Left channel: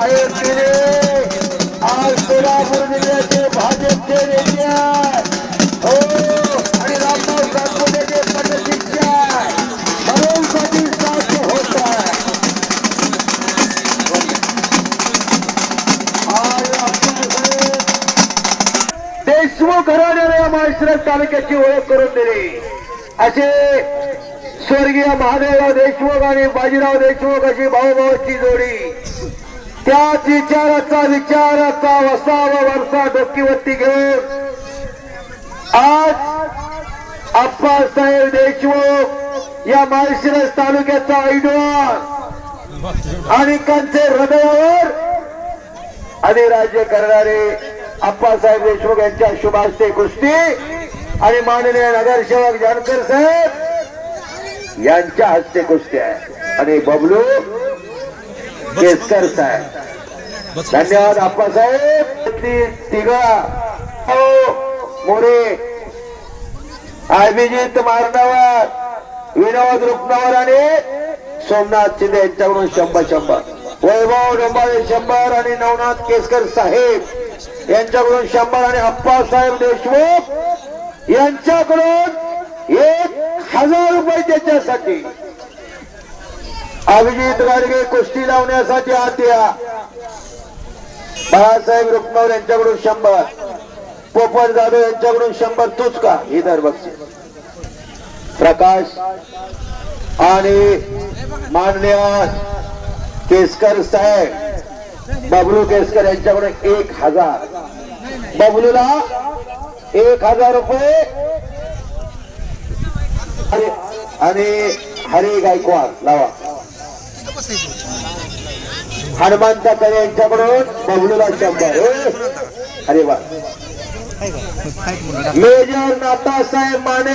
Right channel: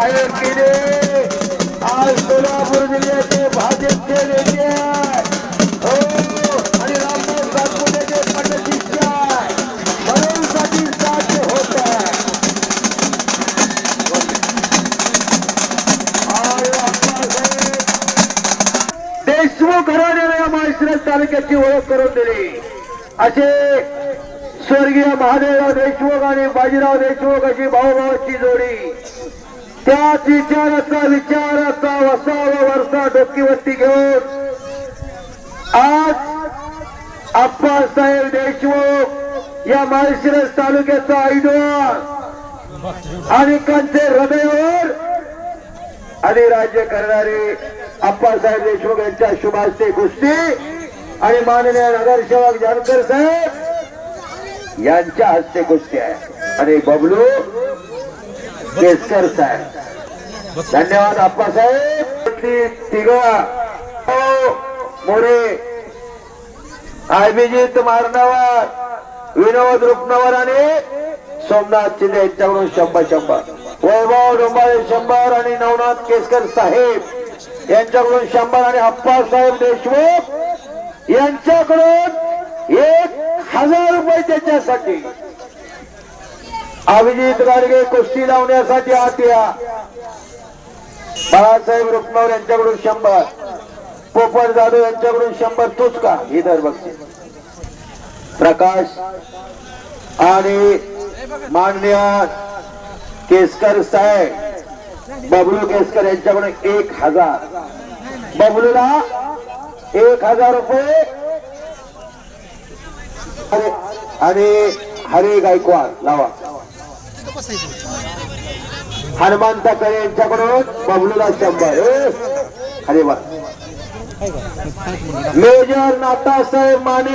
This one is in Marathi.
साहेब गिरे आज सोलापूर जिल्ह्याचे भाजपचे नेते हो आणि होत आहे देशमुख माळशिरस तालुक्याची ओळख करून दिली. असे स्वर्गीय महादेव देशमुख आणि बाजीराव देशमुख अशी भाऊभावाची जोडी त्याच विचाराचा विचाराचा वसावा वरसा डोकीवरती घेऊन आज आप्पासाहेब देशमुख या माळशिरस तालुक्याचा ऐनवार आणि हृदयावर आणि राज्य करणारे अप्पासाहेब देशमुख यांच्या शुभाशय गोष्टी आणि माननीय नगरसेवक जानकर साहेब यांच्या हस्ते गोष्टी आहे आणि बबलू केसकर साहेब धन्यवाद अप्पासाहेब तिघा मोरे. अभिजित मारणावर विनोद रुपणावर आणि सोमनाथ शिंदे यांच्याकडून शंभर शंभर. वैभव डोंबाळे शंभर आणि नवनाथ केसकर साहेब यांच्याकडून शंभर आणि अप्पासाहेब देशमुख यांच्याकडून एक हजार रुपये त्याच्यासाठी. अभिजित गाडगे कुस्ती लावण्यासाठी आत या बाळासाहेब रुक्मावर यांच्याकडून शंभर. पोपट जाधव यांच्याकडून शंभर तूच का ही दर प्रकाश आणि माननीय केसकर साहेब. बबलू केसकर यांच्याकडून एक हजार. बबलूला एक हजार रुपये. आणि हरी गायकवाड लावा. हनुमंत कडे यांच्याकडून बबलूला शंभर. अरे वा. मेजर नाथासाहेब माने